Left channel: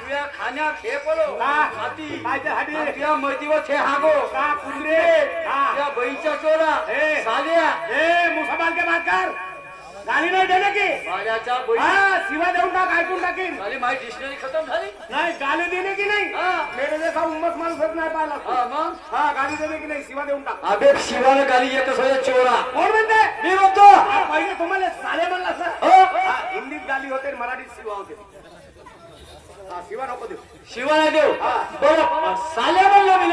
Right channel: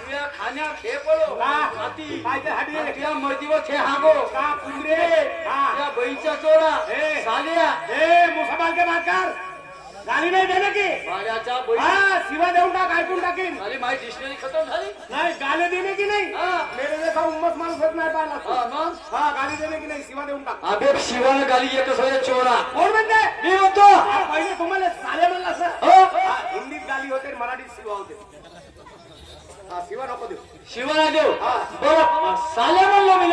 तुझ्या खाण्यात हे पडो हाती तुझ्या मर्जीवर छे हागो कुंदरे तुझ्या बहीच्या चोरा साल्या मुसलमान के बातकार गाली नाही देणे की माझ्याच्या शिवा देऊन टाक ऐकून टाकीन झाली माझी डिक्शनरी खतम झाली नाही गाली देणे की नाही मेरे जैसा उम्मत माणूस होत नाही पाहिला मग गाली देणे की नाही शिवा देऊन टाक अबे शिवाला गाली येत सोय चोरा कोण म्हणते मी म्हणतो पहिले तुम्हाला साले म्हणला सर हिंदीत गाली होते मराठीत शिवा होते शिवा नको देऊ शिवाला देऊ बरं साल्या म्हणलं मी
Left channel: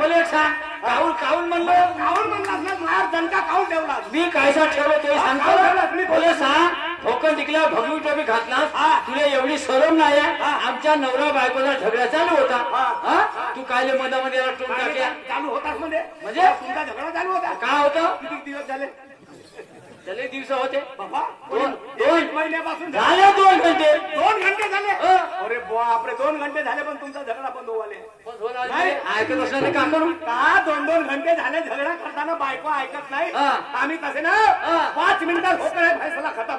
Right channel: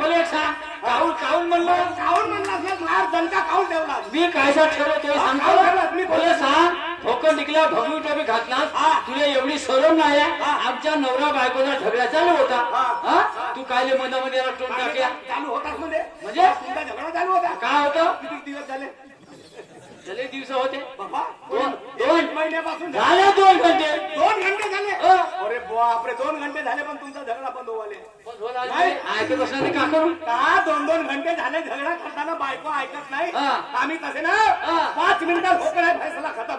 मला एक सांग काऊन काऊन म्हणलं काऊन म्हणला मार दणका काऊन ठेवला मी कायसा ठरवतो सांगतो मला सांग ठोकं टिकल्या भगवी टोपी घातलास तुला एवढी शरम नाही आमच्या नवरा बायकोचा झगडा चालू होता तू कायले मधामध्ये रटून टाकल्या चालू होताच म्हणजे तुमचा झगडा चालू होता काय होतं किती दिवस झाले चले दिवस होते बाबा दोन महिन्यापासून झाले 2 घंटे 2 घंटे झाले अरे बापरे 2 घंटे झाले पण तुमचा झगडा बंद होवाले ऐकत बसला का करू का 2 घंटे झाले झगडा करताना बायको ऐकत नाही आम्ही तसे ना 5 मिनिटात होते नाही फैसला खतम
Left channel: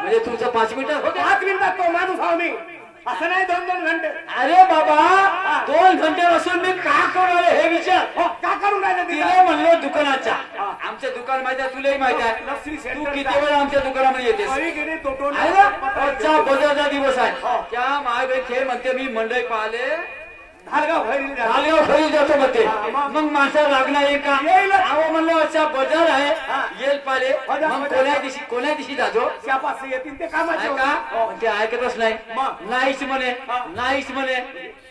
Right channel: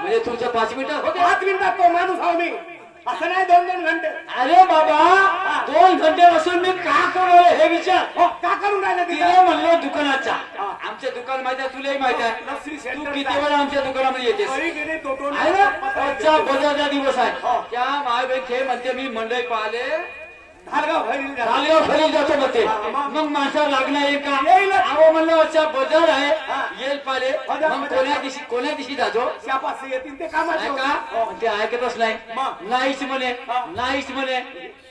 म्हणजे तुमचं 5 मिनिटात होते 5 मिनिटात तो माणूस आहो मी असं नाही 2 घंटे अरे बाबा 2 घंटे बसून मी का करू हे विचार का करून राहिले तिला म्हणलो दुकानाचा आमचं दुकान माहिती आहे तुलाही माहिती आहे तू किती वेळा आमच्या दुकानामध्ये येतेस आजचा बजारचा दिवस आहे त्या महाबेन म्हणते मी मंडई पाहिले खाल्यावर फैल जातो म्हणते मग माणसाला लागणार येईल का अहो म्हणलं अच्छा बजार आहे येईल पाहिले मग कोण्या दिवशी जातो येतील ते काम का ते ऐकतच नाही नाहीच म्हणे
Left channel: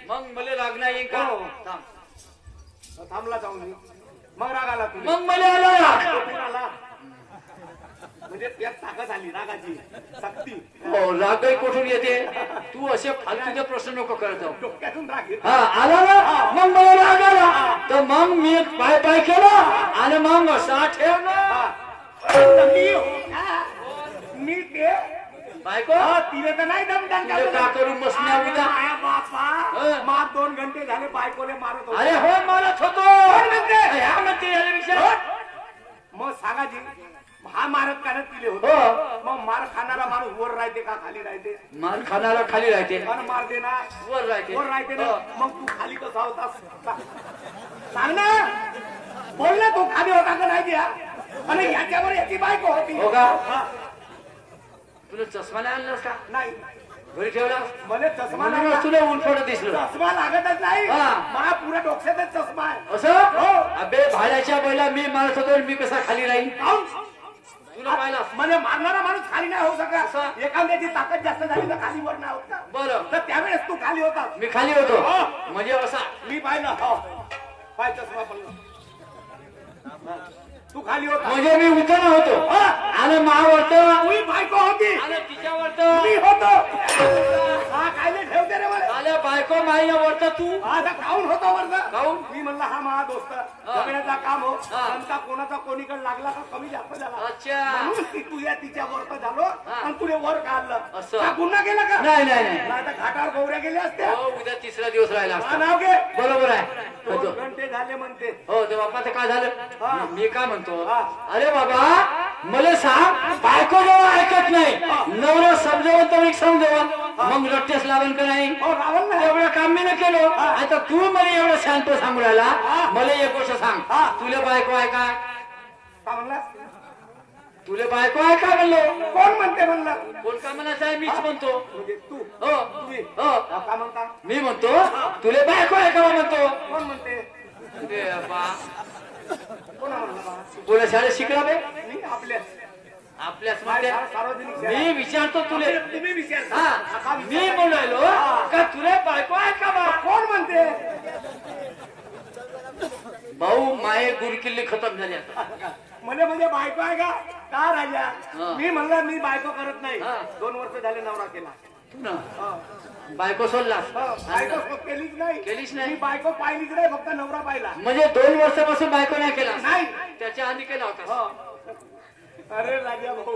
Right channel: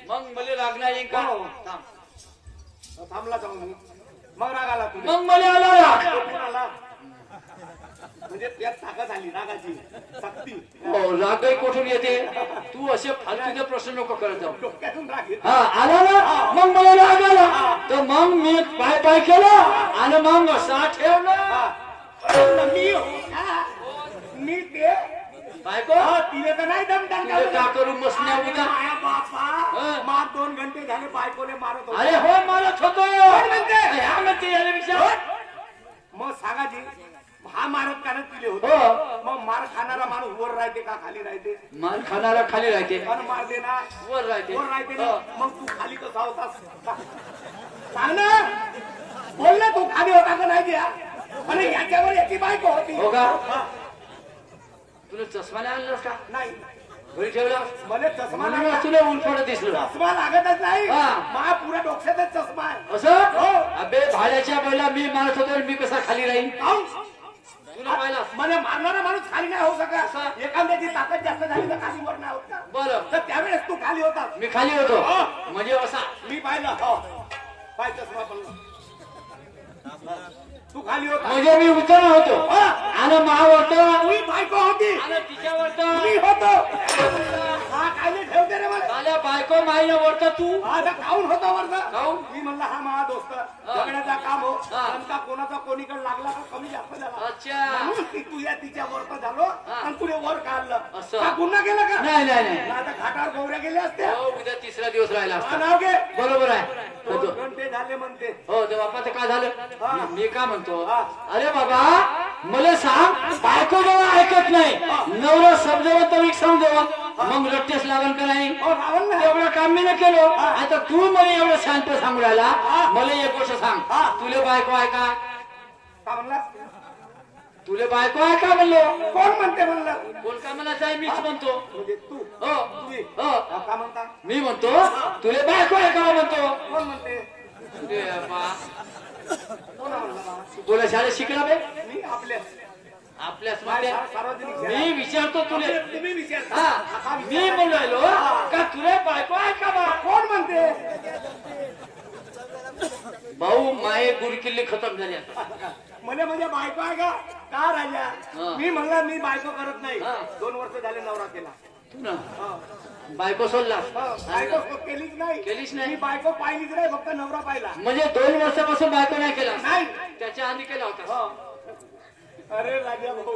मग मला लागणार येईल का थांबला जाऊन मग राग आला मग मला आला म्हणजे यात ताकद आली रागाची शक्ती हो रागही कुठून येते तू असे फालतूचे प्रश्न नको करत जाऊ डोक्यातून राग येतो. आला ना मग मला राग आला तर मग मी पाय केला आणि मग असा ठेवला मी ते बायको तिने तर नाही दमदान का करून बसणार उद्या बापा मार 2 घंटे झाले बायकोने मारत होते अरे हो मारत होतो ह्या म्हणते मग सांगा जी हा मारत काढत तिले होतो मग मार खाणारा माणूस वर राहते का खाली राहते मार खाणारा खाली राहते पण मार देना वर राहते ना मग तू खाली कसा होतास सांग ना बोल ना तू खाली होता का नाही द्या आणि याच्यावर याची बायको होती हो का तुला चष्मा नाही आणलास का नाही घरी ठेवला मला चष्मा म्हणून तुला उलफड दिसलं चष्मा लागतच नाही मा पुऱ्या डोक्यातच चष्मा आहे असं अबे भाड्याच्या पहिला मी मारत होतो मी कसा खाली राहीन तुला पाहिला म्हणजे मारणारा माणूस खाली नाही होऊ शकत एखाद्याची ताकद जास्त झाली तर खाली वर नाही होत बरं तर त्यावेळेस तू खाली होता मी खाली होतो म्हणजे असा मी पाहिलं पाय चष्मा पडला तू खाली होता म्हणजे मी उतरणार होतो आणि महावर्त तुझी बायको होती आणि तिच्यावरत मी होतो हा खायला ठेवते रे मला झाल्या बायको माईला वरत तू आता खाऊन होता वर्ग खाऊन मी म्हणलं हा माझा दोस्त जगण्याचा काम हो नंतर कोणाचा कोणीकडे लागला का कमी जास्त झाला अच्छा म्हणून तुझ्या तिच्या वरत झालो आणि तुला वर काढलं असं. का गुन्हा केला का नाही आता घाटावर गोवऱ्या गेल्या असत्या उद्या 3रा दिवस राहिला असता. नाव घे बरोबर आहे 2 घंटे झाले म्हणते हो ते बापाचं काय झालं मी काय म्हणतो अरे बाबा मला सांग बायको जेव्हा ऐकत नाही नवरा समजवत तर समजवत मग रट्टेस लागल का नाही रावण ना एवढं काम मी नाही केलं आता तू मला एवढं शांत सांगू राहिला मला एक गोष्ट सांग तुला बायको आहे का म्हणला तुला बायको आहे का म्हणलो कोण म्हणते म्हणलं कोण का म्हणायचं आहे मीच म्हणतो म्हणजे तू हो मी हो का म्हणता मी म्हणतो तुला बायको आहे का म्हणतो कोण म्हणते अरे बाबा कोण म्हणला बोला शाळेत शिकला बे मी आपल्याच मध्ये सार्वजनिक मी विचारतो तुले तुम्ही विचारता हा मी बोलायलो का तुला बायको आहे का बा कोण म्हणते भाऊ माये गुडकिल्ले खतम झाले म्हणजे बायको आहे का राहिला मी म्हणलं मी बायको करत नाही 2 वर्ष झाले नवरा केला तू ना बायको सोडला बायको केलीच नाही मी बायको पाहिलीच नाही फक्त नवरा पाहिला म्हणजे 2 वर्षापासून बायको नाही केला नाही त्याच्या आधी केला होता अरे राजा भाऊ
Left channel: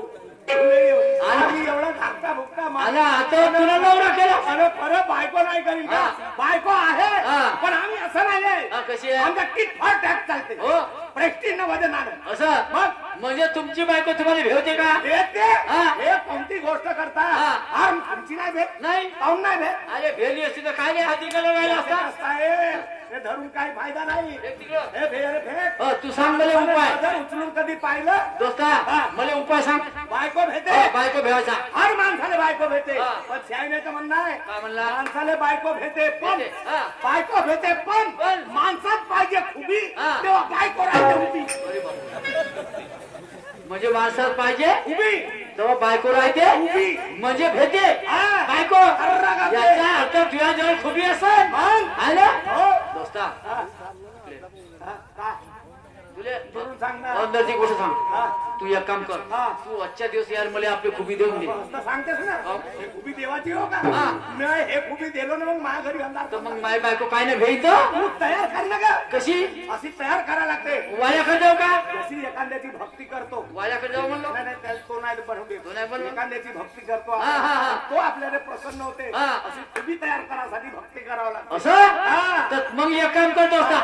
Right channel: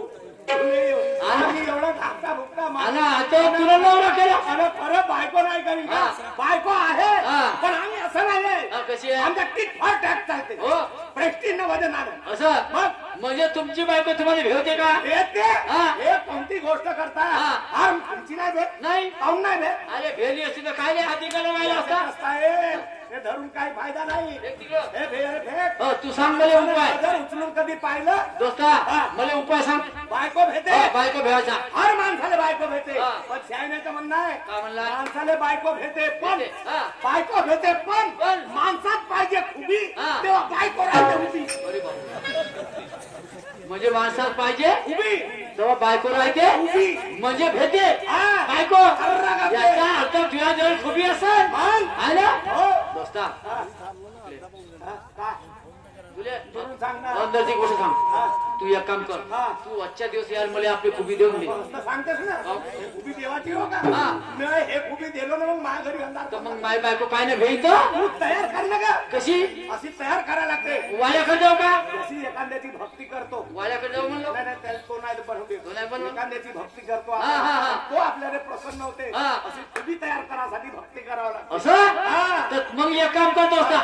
एवढा धाकटा भुकटा आणि आता तुला नवरा केला आणि परत बायको नाही करीन बायको आहे पण आम्ही असं नाही हा, कशी आहे आमचा किट फॉर टॅक्स चालते हो प्रेस्टिज मध्ये नाणं असं मग म्हणजे तुमची बायको तुम्हाला भेटते का येते हा. हे कोणती गोष्ट करता हा. आमची नाही भेट नाही पाहून नाही भेट अरे भेली असती तर काय हाती करायला असता हे धरून काही फायदा नाही हे तिकडं. हे फेक फेक हो, तू सांग मला उपाय नजर उचलून कधी पाहिलं दोस्ता मला उपाय सांग बायको भेटे हो, बायको भेटायचा हर माणसाला बायको भेटे हा. पण शायनेचं म्हणणं आहे काय म्हणला माणसाला बायको भेटे पण भेटे, हा. बायको भेटे पण पण माणसात पाहिजे खुबी हा. तेव्हा बायको राहते उभी अरे बापरे. म्हणजे माणसात पाहिजे उभी तेव्हा बायको राहते उभी म्हणजे भेटे हा. बायको अर्रागाते. याचा अर्थ तुझ्या जवळ खुबी असेल मग? आहे ना हो. दोस्ता हा. हा, का? तुले म्हणून सांग ना अंदरची गोष्ट सांग हा. तू एक काम कर हा. तू आजच्या दिवस यार मला आपली खुबी देऊन दे प्रश्न सांगतेस ना हो. हे खुबी देवाची हो का हा. मी हे खुबी दिलो ना मग माझ्या घरी अंधार तर मग माय बायको काय नाही भेट तू तयार कर ना का कशी अशी तयार करायला लागते वाड्याकडे जाऊ का जशी एखाद्याची भक्ती करतो वाड्याकडे जाऊ म्हणलो नाही, नाही, त्याला तो नाही बनवू तो नाही बनवू? एखाद्याची भक्ती करतो हा, हा, हा. तो आपल्याला प्रसन्न होते हा. अशी खुबी तयार करासाठी भक्ती करावं लागते असं हा. तर मग एक काम करतो असता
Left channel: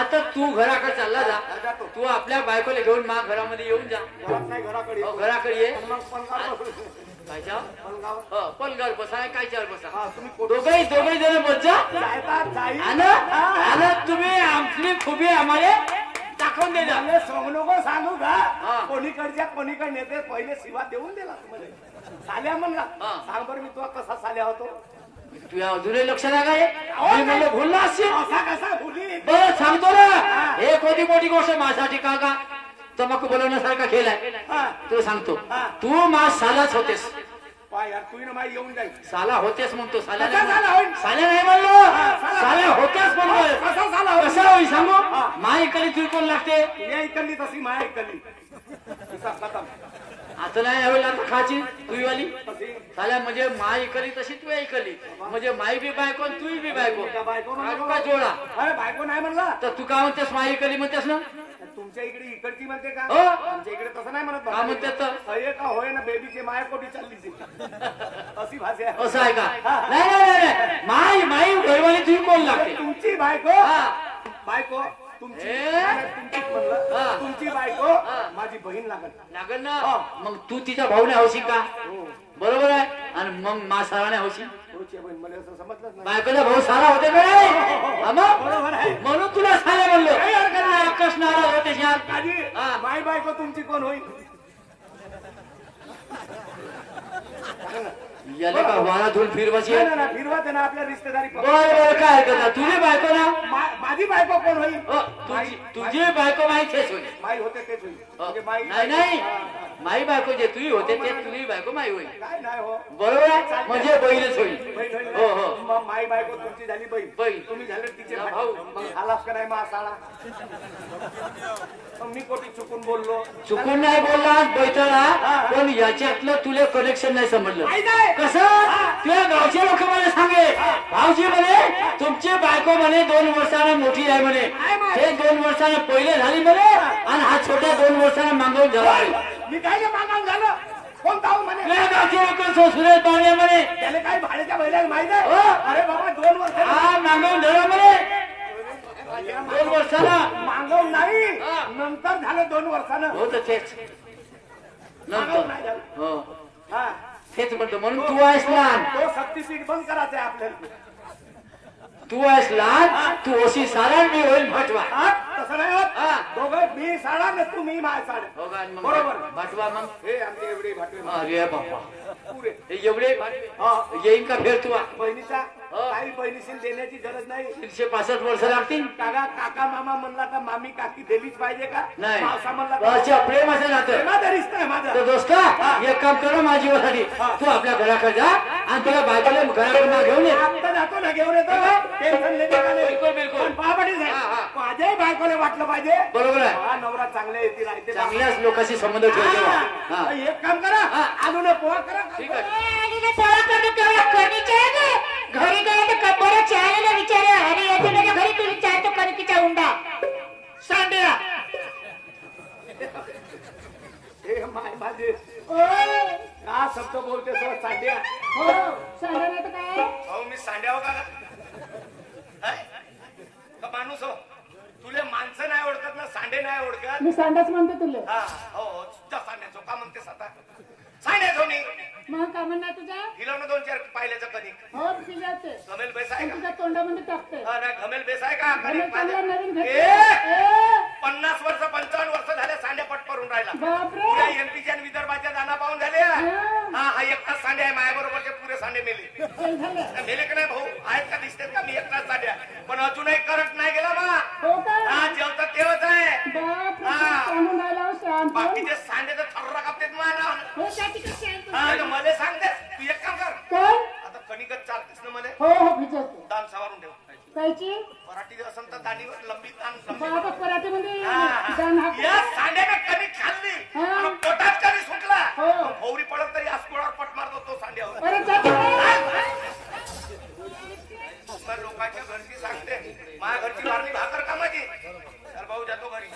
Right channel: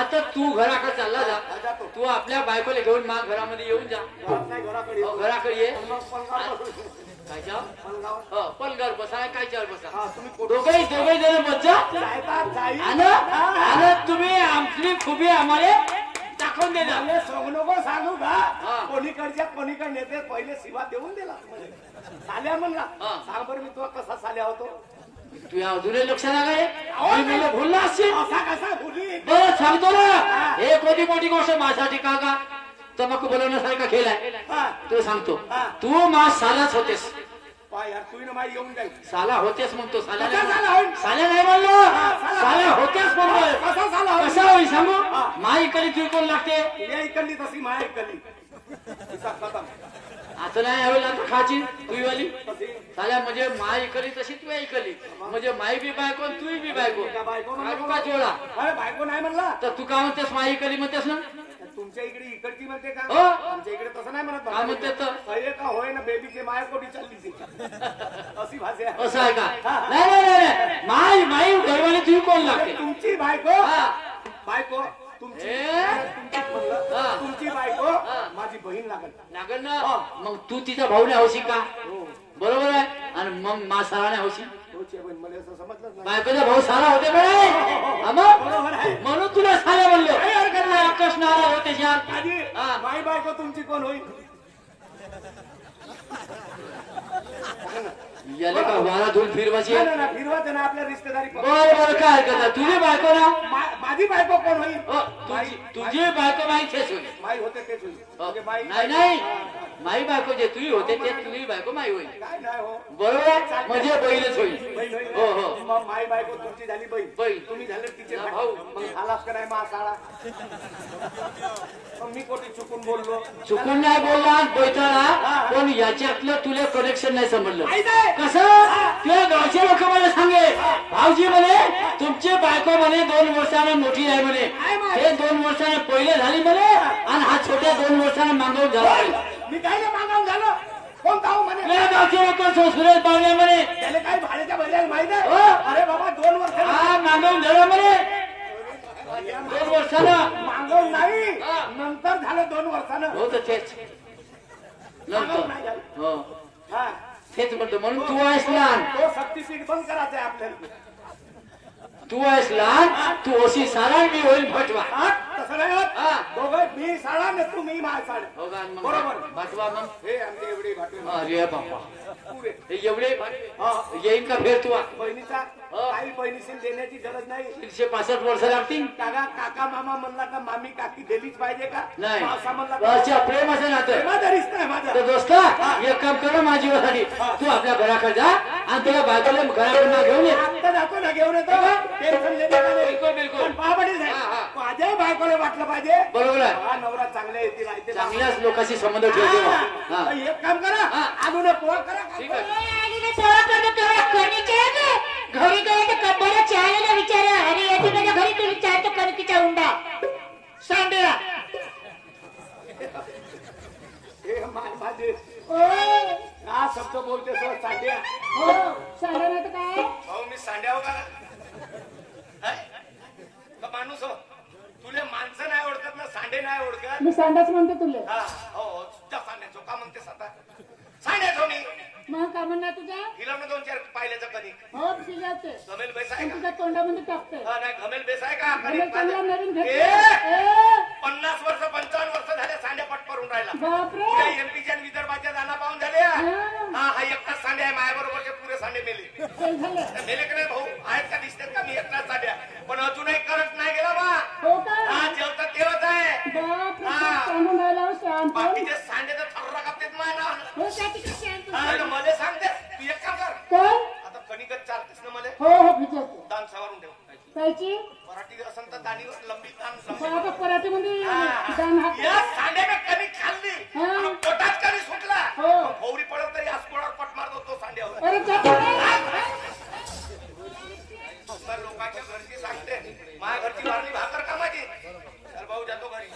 आता तू घराकडे चालला जा जातो तू आपल्या बायकोला घेऊन मा घरामध्ये येऊन जा घरात नाही घराकडे हो, घराकडे ये मग पलंगावर बसू. काय जा पलंगावर. हो, पलंगावर बसा काय चार बसा हा, तुम्ही कुठं दोघे जण बच्चा जायतात, जाई. आणि तुम्ही आमची खुबी आम्हाला दाखवून दे जा चांगले सोंग नको सांगू हा. का कोणीकडच्या कोणीकडे नेते पहिले शिवा देऊन दिला साल्या म्हणला हा. सांग बरं मी तो कसा साल्या होतो तुझ्या अजूनही लक्ष नाही काय मी मला भुलला असशील असा कसा भुली बरं सांगतो ना हे कोणती मोठी गोष्ट माझ्यासाठी का तंबाखू बनवण्यासारखा खेळ आहे हा. तू सांगतो हा. तू मा सालाच होतेस पाय यार तू माई येऊन जाईल साला होतेस म्हणतो साला कसा नाही साला होईल? साला नाही म्हणलो साला. साला होतेस म्हणतोय कसा साला होईल? कसा होईल सांगू हा. माई कधी किरकोळ लागते तुझ्या इकडली तशी माया इकडली तिचा खतम असं नाही यावेळी आता खाची तुई वाली तशी साल्या म्हणजे माई इकली तशी तू इकली म्हणजे माई बी बायको आणि तूही बी बायको त्या बायको म्हणलं आत्ता जोडा अरे बायको नाही म्हणला तर तू काय म्हणतेस माई इकली म्हणतेस ना तुमच्या इकडे इकडची म्हणते का हो. तुमच्या इकडे तसं नाही म्हणत काय म्हणते तर? हे का होय ना बेबीची माया कोटी चालली अशी भाषा आहे. असं आहे का नाही नाही नाही, नाही माई माई घरवाली तुही कोण लागते तुमची बायको हा. बायको तुमची ए? तुमचीच म्हणलं. हा. तुमची बायको हा. माझी बहीण लागत लागल ना हा. मग तू तिचा भाऊ नाही होशील का हो बरोबर आहे आणि मग मा सारा नाही होशील तुमची बहीण मला असं समजलंच नाही बायकोचा भाऊ सारा होते का नाही हा बरोबर आहे. मग? म्हणून तुला साऱ्या म्हणलो आकाश नाराज होते श्याम आजी हा. माय बायको तुमची कोण होईल याले का वारा धुवून फिरवाची नाही, नाही, नाही, फिरवायचं ना आपल्या रिश्तेदारी बरं काय करता तुझी बायको ना माझी बायको कोण होईल हो, तुझी बायको माई तेच होते माई होते तेच होईल हो. म्हणजे बाई नाही नाही माई बायको जे तुझी होते ते तुझी बायको माई होईल काय नाही हो बरोबर आहे म्हणजे बहीणच होईल बहीण होईल. हो हो मग माई बायको तुमची झाली बहीण बहीण. तुम्ही झाले तिचे हा, भाऊ भाऊ. मग आलास का नाही मग साळा मग मी कोटी चुकून बोललो चुकून नाही बोलला बैठला पण याच्यातलं तुला कनेक्शन नाही समजलं माहित आहे? कसं त्या गावचे लोक मला सांगे भाऊजी म्हणे तुमची बायको म्हणे 2 वर्षानं मोठी आहे म्हणे ते 2 वर्षानं पहिले झाली म्हणे आणि हा छोट्या 2 वर्षानं मागवून झाला म्हणे. मी काय ना मागावून झालं कोण जाऊ म्हणे त्या गावचे लोक सुरेश पाहुणे म्हणे त्याला काय भाड्याच्या बैलाला माहित आहे हो. अरे बाबा 2 वर्ष हा मागवून झाला म्हणे 2 वर्षानं मागवून नाही हा. नंतर झालं 2 वर्षानं हो तर तेच नंतर हो हा तेच म्हणतो म्हणून तू आहेस लहान तो शक्तीपीठ बंद करायचं आहे आपल्याला तू आहेस लहान तू अशी सारा मी होईल भटवा हा? तसं नाही होत हा. दोघं मी साडा ना तू मी माझ साडा हो का आणि मग बरोबर. भटवा मग हे आमचे एवढे भाटे अरे बापा पुरे हे एवढे हा. येईन का फेर तू बहिणीचा हा. काही बहिणीशी देण्याची गरज नाही 165 वर्ष लागतील काका काका मामा म्हणला का मामी काकी दिलीच पाहिजे का नाही मावसा म्हणला का अच्छा प्रेमाचं नातं प्रेमाचा रिश्ता आहे माझा तर दोस्ता एक काम कर ना माझ्या जीवासाठी तू आपल्या घराकडे जा आणि तुला बायकोला घराकडे घेऊन ये आता जातो ना घेऊन येतो टेन्शन बिलकुल बिलकुल पण पापडीच आहे हा, हा. माझ्याही बायकोला वाटलं पाहिजे बरोबर आहे हा नवरा चांगले येतील राहते चांगल्याच लोकांशी संबंध ठेवते बा. हा हा. एक काम करा हा. आणून पोहा करा ठीक आहे. घरी गेला तर कब्बर चालेला विचारा अरे येते माझ्या घरी तू विचारतो कणकीचा उंडा सांडेला हे माझे ओ का शब्द बोलते सर साध्या हो सांडला तर काय अहो मी सांड्यावर का मी सांडाच म्हणते तुले. हा हो जा सांगायचो का म्हणतेस आता सांगायचो मी मग का म्हणणार तुझ्या हिला दोन चार पाहिल्याचं कधी हो शिजावते घमेल बेस आहे पण का तुझ्या तोंडामध्ये टाकते. हा, नाही घमेल बेस आहे का भले चांगला नवीन ए! भेटते. 50 वर्ष 55 वर्ष झाले सांड्या पटपरून राहिला बापरे एमपीच्या आणि विदर्भाच्या दाना पाहून झाले हा एकटाच सांडे आहे माझ्याबरोबरचे पुरे सांडे नेले चल झालं. नेले का नाही भाऊ आहेत का दिसतात का मी एकटाच सांड्या पण अजूनही करंट नाही गेला बा हो का हा जेवतात तेव्हाच आहे बापरे हा. सांडून राहिला हो शांत. बाकीचे सांडे तर थर्रा कापतेत मला हो त्याची कशी आहे तू? हा मला सांगते तू एक काम कर कोण आता कणिकच चालतेस ना मला हो हो भिजवते दान सवारून ठेव कायची मराठी असं तर दाढीवर लंबी दान बाबा पराठीमध्ये हा. दान हाक. या सांड्याने कणिक खाल्ली हा. आणि पोटात कधी सुटला हो. भोवरी पडत तरी अस्कोळावर पट मारतो तो सांड्यावर अरे त्याची तर लोकांची घरची सांगते माझ्या घरची भाजी भाकर का माझी तर भाऊ जातो घरी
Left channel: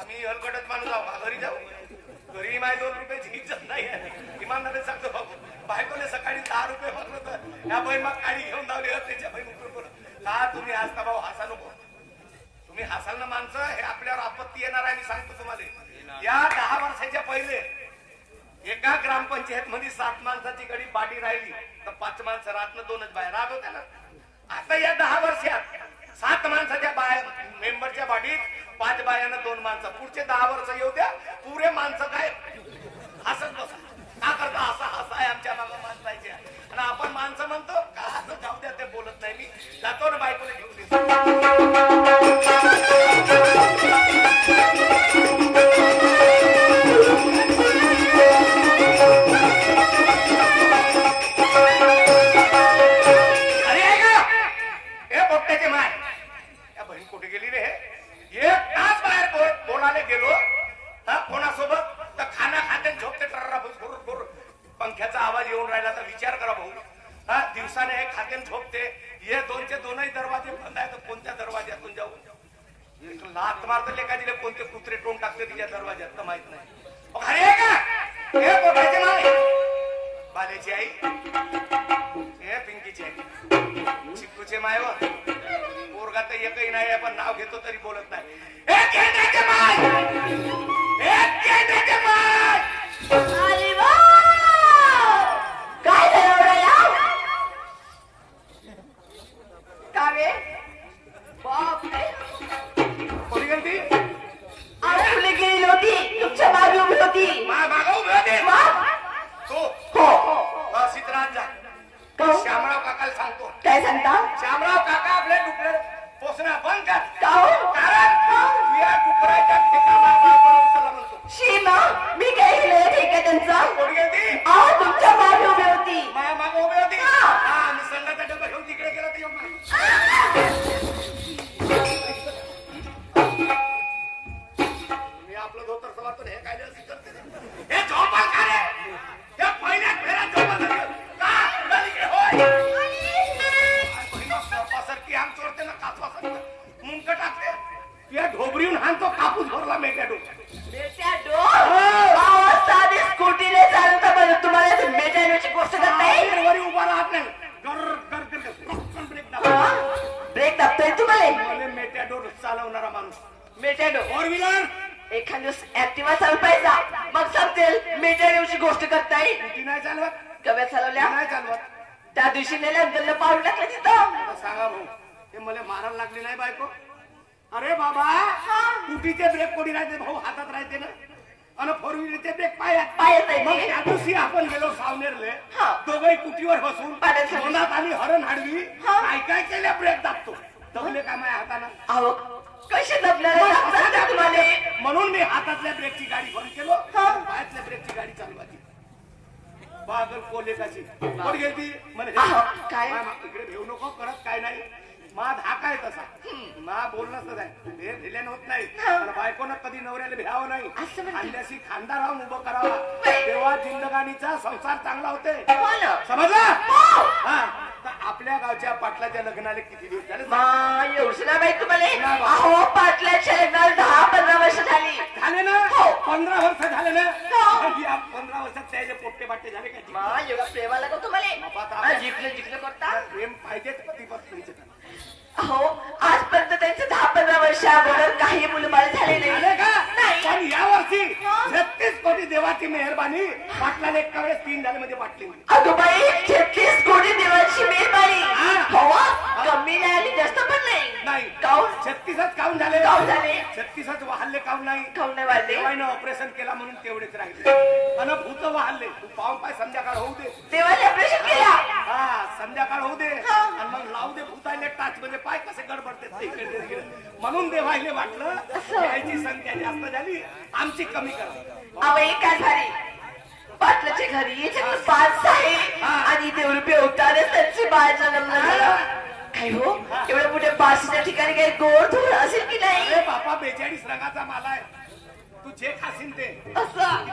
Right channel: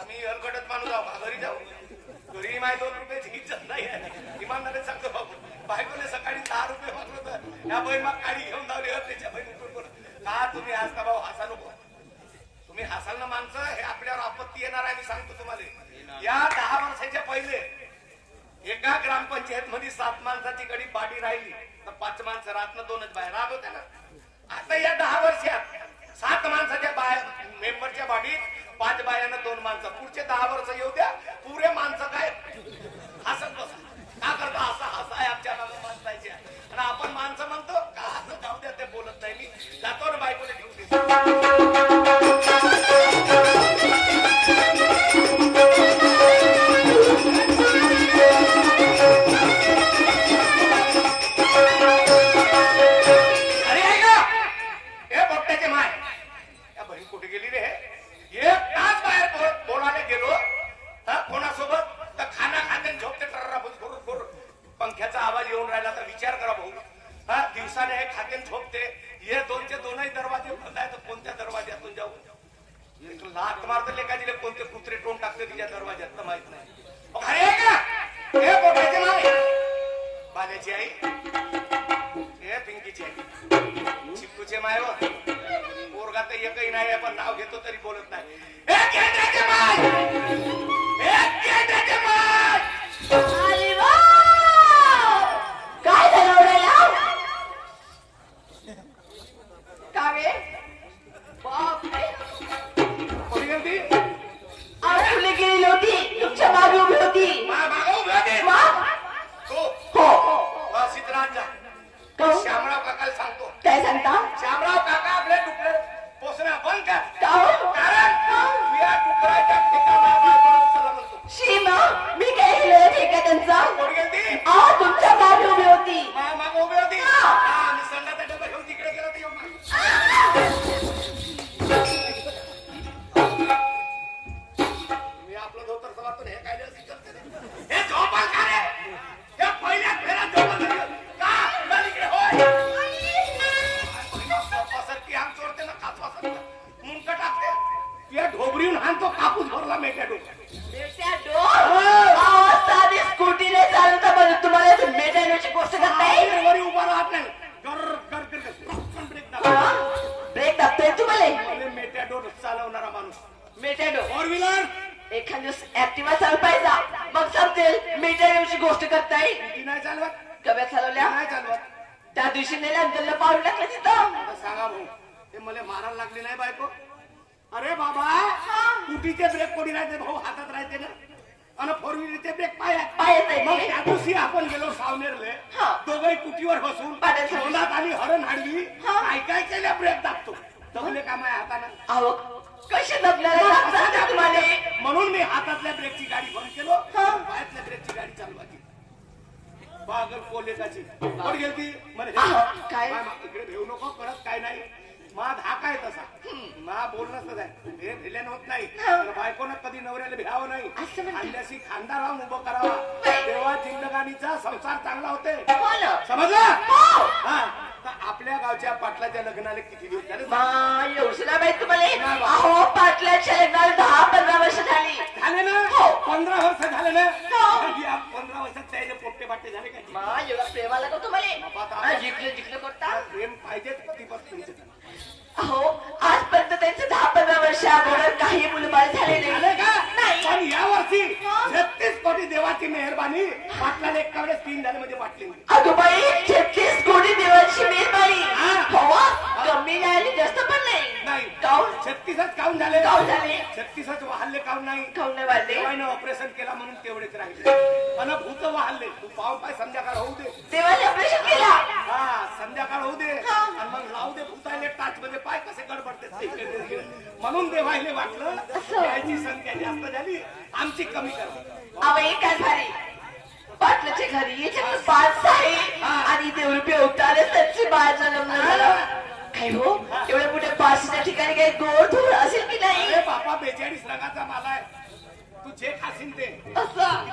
आम्ही हलकटत माणूस आहो घरी जाऊ घरी माझ्या 2 रुपयाची इज्जत नाही इमानदारी सांगतो बाबू बायकोने सकाळी 10 रुपये मागलं तर या बहीण मग गाडी घेऊन धावली त्याच्या बहिणी का तुम्ही हसता भाऊ हसा नको तुम्ही हसाल ना माणसं हे आपल्यावर आपत्ती येणार आहे मी सांगतो तुम्हाला या 10 वर्षाच्या पहिले एका ग्रामपंचायत मध्ये 7 माणसाची गडी बाडी राहिली तर 5 माणसं रातनं 2च बाहेर राहत होत्या ना आता या 10 वर्षात 7 माणसाच्या बाहेर मेंबरच्या बाडीत 5 बायांना 2 माणसं पुढचे 10 वर्ष येऊ द्या पुरे माणसं काय हसत बसा का करता असा हसा आहे आमच्या मागं माणसायचे आणि आपण माणसं म्हणतो का हसत जाऊ द्या ते बोलत नाही मी जातो ना बायकोला घेऊन अरे ऐका हे बोट्याचे माय या बहीण कुठे गेली रे एक तास बाहेर कोणाला गेलो कोणासोबत तर खाना खाते झोपते टर्रा बरोबर पंख्याचा आवाज येऊन राहिला तर विचार करा भाऊ हा दिवसाने हे खाते झोपते हे 2चे 2ही दरवाजे बंद आहेत तर कोणत्या दरवाज्यातून जाऊ लात मारत लेखा दिले कोणते कुत्रे टोन टाकते तिच्या दरवाज्यात तर माहित नाही अरे का हे कोणाचे नाव बालेची आई हे पिंकीची आई चिक्कूचे मायव पोरगा तर एकही नाही पण नाव घेतो तरी बोलत नाही हे केंद्राचे माय हे केंद्राचे माय अरे वा! काय झालं एवढं यार? का रे? बापरे! कोणी गेली अरे तुला गेली होती तुमच्या मागे उभी होती. मागं उभे होते मग? हो हो सीताराम जा हो. श्यामराव काकाला सांगतो काय सांगता? श्यामराव काका आपले डुकरे पोसणं बंद कर का हो? कारण या डुकराच्या ठिकाणा बायकोला म्हणतो शी मग मी काय केलं ठीक आहे त्यांचा कोणी गेली तुमच्या मागे उभी होती. माय मागं उभी होती हा मी संघाचा डबा घेऊन तिकडे गेला ती मी आपलं धोतर सवातो हे काय हे झोपा का रे हे पहिल्या फेरा झोपा की आम चोरते ना काचवा मुंक टाकते या ढोबरीहून हाणतो कापूस भरला मेट्या साधी स्कूटीने चालवता बरं तुम्हाला मेजरची गोष्ट करताय. वरी उभा राहत नाही ब्रेक दाबतोय तुम्हाला मेट्या डोर चालवणारा माणूस मेटॅडो 4 व्हीलर एखाद दिवस ऍक्टिव्हा चालवायचा मग समजेल मेटॅडोची गोष्ट करताय. ती नाही चालवत कव्या चालवल्या नाही चालवत त्या दिवशी नेल्या पाऊल टाकलं तिथं. आता सांगा भाऊ हे मला मारायला लागली नाही बायको अरे बाबा स्कूटीचे ब्रेक कोणी राहते भाऊ हातात राहते ना आणि 4 व्हीलरचे ब्रेक पायात पायात आहे. मग त्या दिवशी आपण गेलो सावनेरले हा. दोघही कुटीवर बसून पाण्यात तोंडात आली हरण हाडवी हा. काय काय केल्या ब्रेक दाबतो दबले का माझ्या हाताना अहो कसे दबल्याला तुम्हाला म्हणून मी हातातल्या ब्रेकची गाडी बंद केलो पायातल्या ब्रेकची गाडी चालवायची पागल कोलेकाची कोण गेली म्हणे काय? इकडे भेऊ नको करत काय नाही मा धाक आहे तसा मा बोलणंच नाही हे धिल्यान होत नाही बायकोनं कधी नवऱ्याला भ्यावं नाही अंड्याशी खांदा राहून उभं करावा तेव्हा जिंदगानीचा संसार चांगला होते समजला हा तर आपल्या गावच्या पाटलाच्या लग्नाला किती दिवस झाले येऊसला बाई तुम्हाला अहो पाटल्याच्या लग्नाला 10-15 वर्ष झाली झाले ना 15 वर्ष झाले ना 15 वर्षात त्याचे पोट्टे बाटे झाले का एवढा प्रेमाला का तुम्हाला जिंकले जिंकले करता प्रेम पाहिजे तुमचं अहो आजपर्यंत त्यांचे 10-15 वर्ष अगोदर काही मुलं बाळ झालेले झाले का नाही पण या वर्षी 36 कोटी देवाची मेहरबानी पाटलाने एका वेळेस 3 झाले म्हणजे पाटली अगं बाई 36 कोटी देवाची मेहरबानी हा. हवा कमी नाही आणि जास्त पण नाही नाही काऊन 36च काऊन झाले काऊन झाले? 36च वाहल्ले काऊन नाही काऊन नाही वाढले देवानं ऑपरेशन केला म्हणून तेवढेच राहिले आणि भूत वाहल्ले तू पाहून पाय संध्याकाळ होऊ दे देवाने ऑपरेशन केला हा संध्याकाळ होऊ दे आणि मग लावू दे भूताले टाच मध्ये पाय कसे गडबडते म्हणून देवाईने वाटलं याची संख्या जास्त झाली आमची कमी करा आवई काय झाली पाटलाच्या घरी याच्याकडे 5 आहे आणि देव रुपये होताच त्यांची बाळाचा लग्न झालं काय हो एवढ्या मोठ्या 5च्या ठिकाणी काही गोड थोडं असेल की नाही अरे बापा 42 रंगाचा माल आहे तू जे खाशील ते असं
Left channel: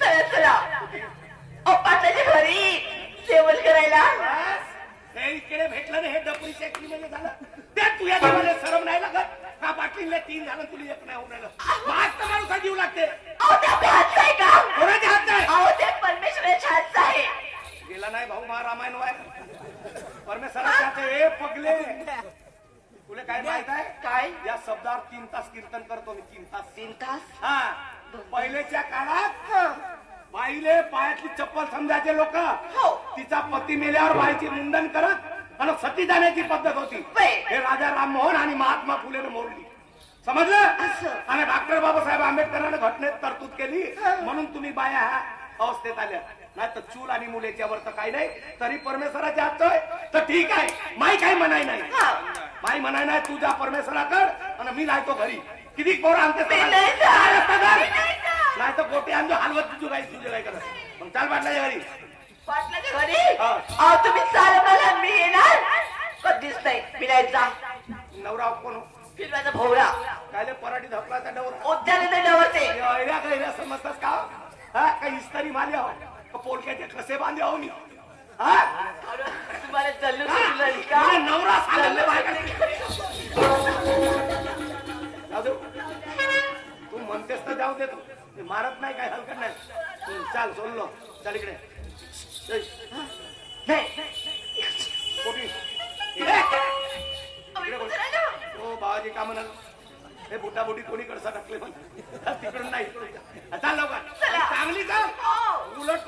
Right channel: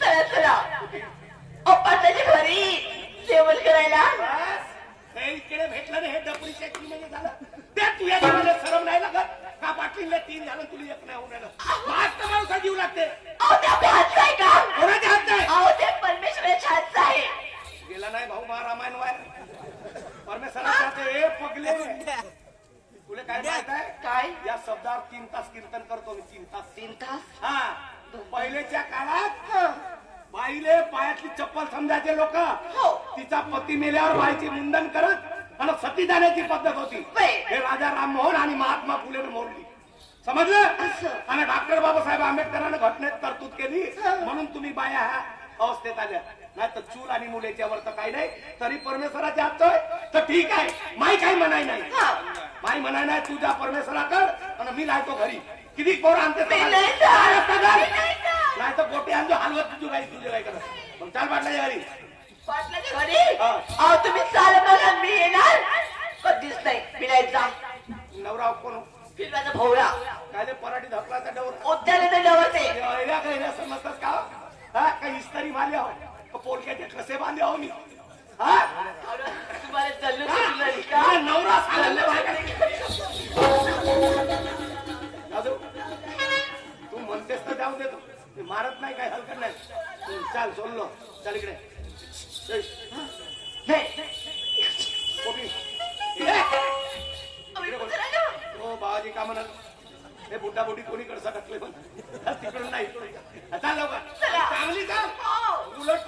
चला चला ओ पाटलाच्या घरी जेवण करायला हे इकडे भेटलं नाही हे डबरी चेकरी मध्ये झालं ते तुझ्या डबरीला शरम नाही लागत का बाटलीला 3 झालं तुला एक नाही होणार मास्क माणसा जीव लागते अहो ते आपल्या हातचं आहे का कोणाच्या हात नाही अहो ते परमेश्वराच्या हातचं आहे गेला नाही भाऊ महारामायण वाय परमेश्वराच्या हात हे पगले तुला काय माहित आहे काय या शब्दावर 3 तास कीर्तन करतो मी 3 तास 3 तास हा पहिलेच्या काळात बाईले पायातली चप्पल समजायचे लोक हो. तिचा पती मेल्यावर बाईचे मुंडन करत आणि सती जाण्याची पद्धत होती बाई. हे राजा राममोहन आणि महात्मा फुलेने मोडली समजलं आणि डॉक्टर बाबासाहेब आंबेडकरांनी घटनेत तरतूद केली म्हणून तुम्ही बाया ह्या अवस्थेत आल्या नाही तर चूल आणि मुलेच्यावर तर काही नाही तरी परमेश्वराच्या हात तर ठीक आहे माई काही म्हणाय नाही माई म्हणाय नाही तुझ्या परमेश्वराकर आणि मी लावतो घरी किती पोर आणते नाही तर गोटे आणतो हलवत तुझी राहील तुझे काय करत मग चाल वाटलं घरी पाटलाच्या घरी अहो तुम्ही चाल मला मी येणार कधीच नाही फिरायचा नवरा कोण फिरवायचा भोवळा काय ते पराठी धपलाचा डवर उद्याला नवरते काही समजतात का हा काही इस्तारी मारले हो का पोलक्याचे ठसे बांधले हो मी हा तुम्हाला चाललं का नवरा सांगितलं राजू तू म्हणतेस तर जाऊ देतो मी मारत नाही काय हलकत नाही तू चाल सोडलो चल इकडे कोटी हो बाबाजी का म्हणाल हे बुड्डा बुडी कोणी कडसा टाकले पण तिकडून नाही चाल लवकर चांगली का उलट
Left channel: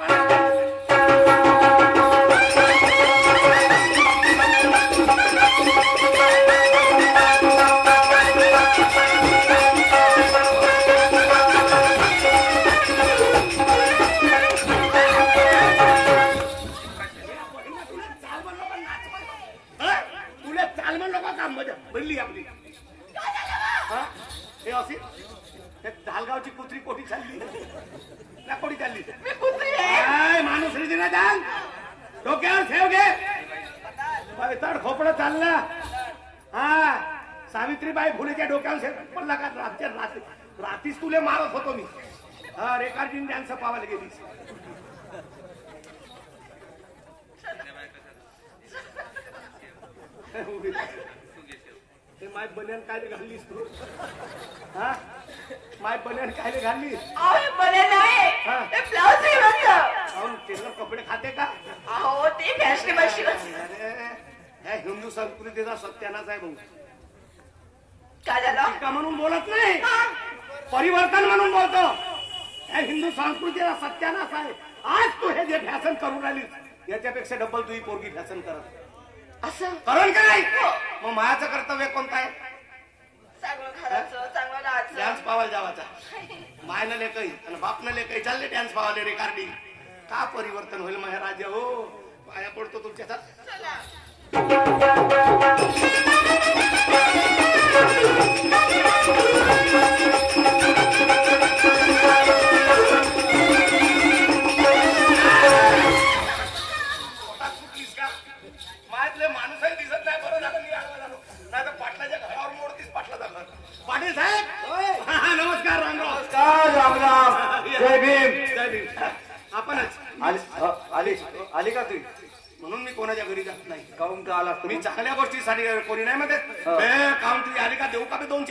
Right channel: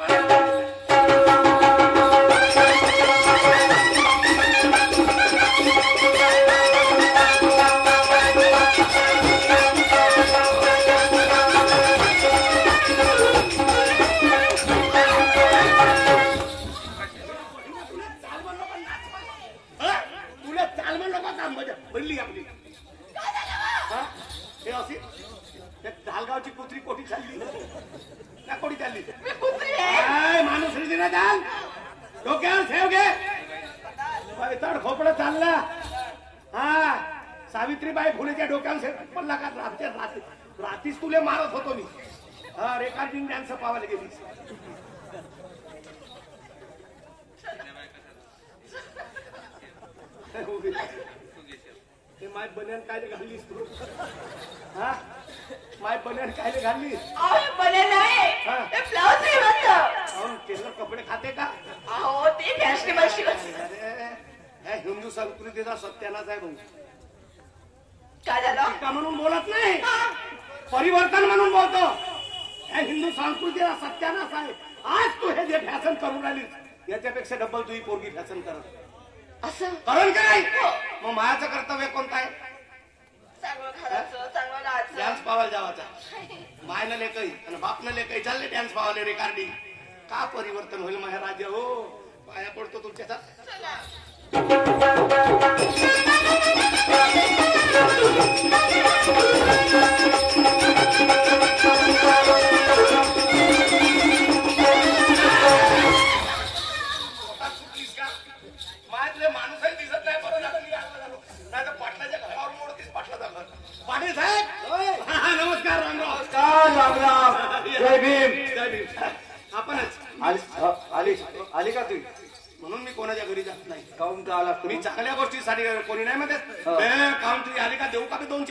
तुला चाल म्हण नका काम बनली आपली हे असे धालगावची कुत्री कोटी चालली का कोटी चालली माणूस ना चाल डोक्यावर ठेव घे तर खोपडं चालला हा सावित्रीबाई फुलेच्या डोक्यावर पडला का रात्रीच तुले मारत होतो मी हा रेखार्डिंग डान्स पावायला गेली ते माय बन्यान काय घाललीस तू हा माय बन्यान काय घालली अहो बरे नाही हा. ते ब्लाउज आहे मस्त म्हणून तेवढं कपडे खाते का अहो ते फॅशनेबल शिकत ह्या हिंदू संस्कृतीचा सत्यानाच आहे भाऊ काय झालं टीका म्हणून बोलत नाही परिवर्तन म्हणून बोलतो ह्या हिंदू संस्कृतीचा सत्यानाच आहे आज तू हे जे फॅशन करून राहिली याच्यापेक्षा डबल तुझी पोरगी फॅशन करत असं कारण काय मग मायाचं कर्तव्य कोणतं आहे चांगलं घराचं चांगलं राहायचं डान्स पावायला जावाचा मायनं लेकई आणि बापनं लेकई चालले डान्स पावाले रेकॉर्डिंग का परिवर्तन होईल महाराज हो पाया पडतो तुमच्या माणूसही दिसत नाही बरं झालं मी आला झालो नाही तर पाटलाच्या घरावर मोडतीस पाटला जाणार पाटील साहेब नमस्कार रामराव राम राम जय भीम जय भीम आपणच आली का तुम्ही म्हणून मी कोणाच्या घरी जात नाही काऊन का आला तुम्ही चांगल्या गोष्टीसाठी कोणी नाही म्हणत काऊन तुम्ही आली का देऊ का मी 2-4